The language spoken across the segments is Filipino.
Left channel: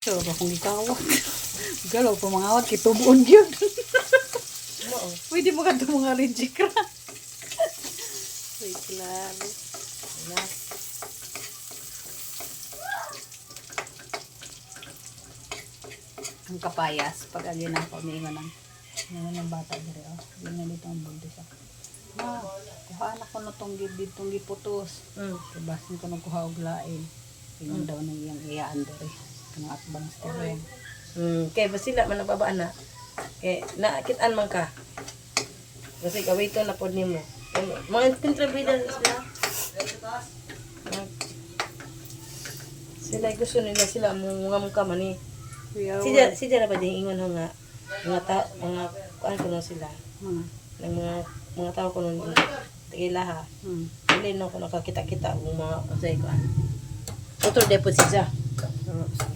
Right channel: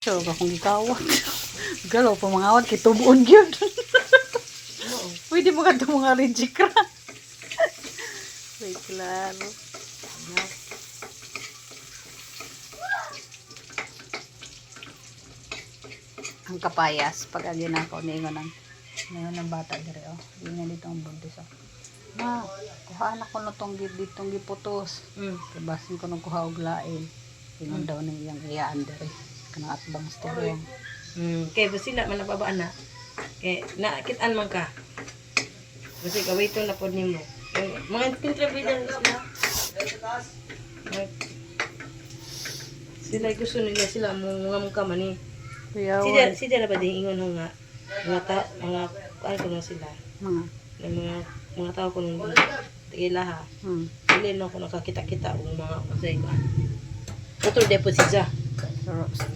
So, akong gikawat. Galaw pa mga awat, kitubuon yun. Pwede mo ka ito mga rejikra. Wait, klaro. Ang kapayas, pag agin ako, ningon ng bata dire, oh. Ganyan dito ang buntis, oh. Ma, kuhaan ako na itong ditong giputos. Kabasin ko nung kuha og lain. Ingon daw na iyang iyaan dire. Kanang atbang sterong. Kay basila man nababaan na. Kay naakitaan man ka. Kasi kawito na pod nimo. Mga kontrabida sila. Sila gusto nila sila mga mukha man ni. Sila na ba din ingon nga mga kuan ko nung sila. Mga tao ko nung tigila ha. Dili no ko nakakita-kita og mga usay ka. Ito depo siya.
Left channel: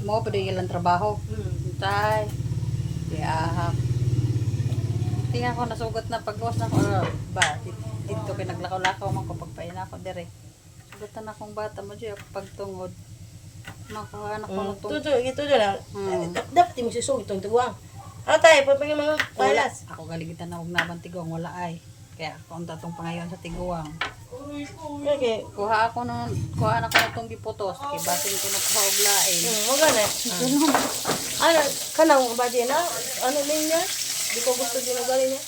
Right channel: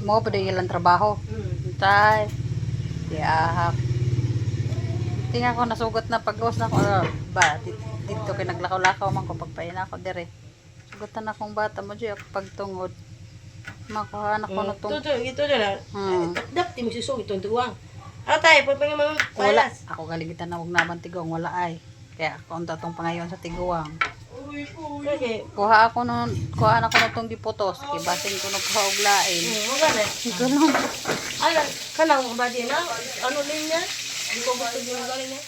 Mo pa din ilang trabaho. Tay. Diahak. Tingnan ko nasugot na paggawas na ko. Ba, dito kay naglakaw-lakaw man ko pagpain ako dire. Sugutan akong bata mo diya pagtungod. Makuha na ko na tong. Ito na. Dapat mo sisog itong tuwang. Atay, pagpangin mga Wala. palas. Ako galigitan na huwag naman tigong. Wala ay. Kaya ako ang tatong pangayon sa tiguang. Okay. Kuha na ko na tong giputos. Kaya basing ko na kuha og lain. Magana. Ganun. Ay, kanang ba din na? Ano din niya? Di ko gusto ginagali niya.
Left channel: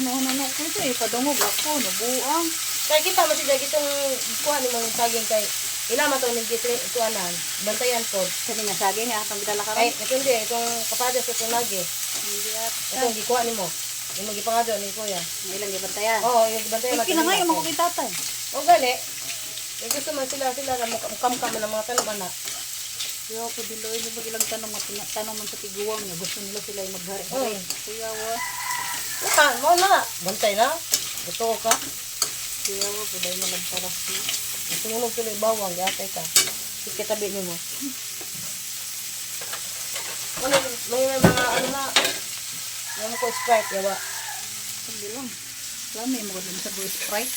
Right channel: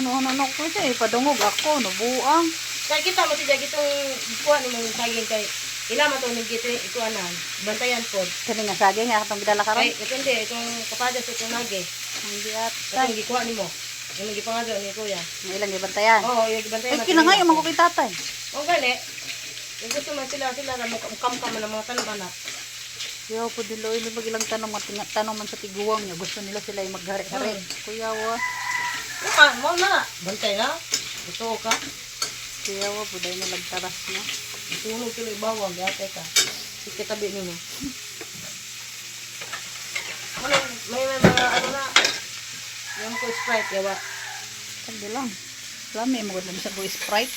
Ano ko siya. Ipadungog ako. Nabuang. Kaya kita mo siya itong kuha ni mong saging kay ilama to ni gito ikuanan. Bantayan pod. Sabi nga saging nga itong gidala ka Ay, ron. hindi itong kapadas itong nage. Hindi at. Itong gikuha ni mo. Yung magipangado ni kuya. May ilang gibantayan. Oo, yung bantayan. Ay, kinangayon mo ko kay tatay. O gani. Yung gusto mo sila na mukamkam ng mga tanong-anak. Kuya po dilo ini magilang tanong man sa tiguang nga gusto nila sila ay maghari-hari. Kuya wa. Naka, mo na. Bantay na. Gusto ko ka. Kuya wa po dahil na nagtaras na. Gusto mo tuloy bawang, gata ka. Sige tabi ni mo. May mga ano na. Yung ko Sprite, yawa. Sabi lang. Lami mo ko sa Sprite.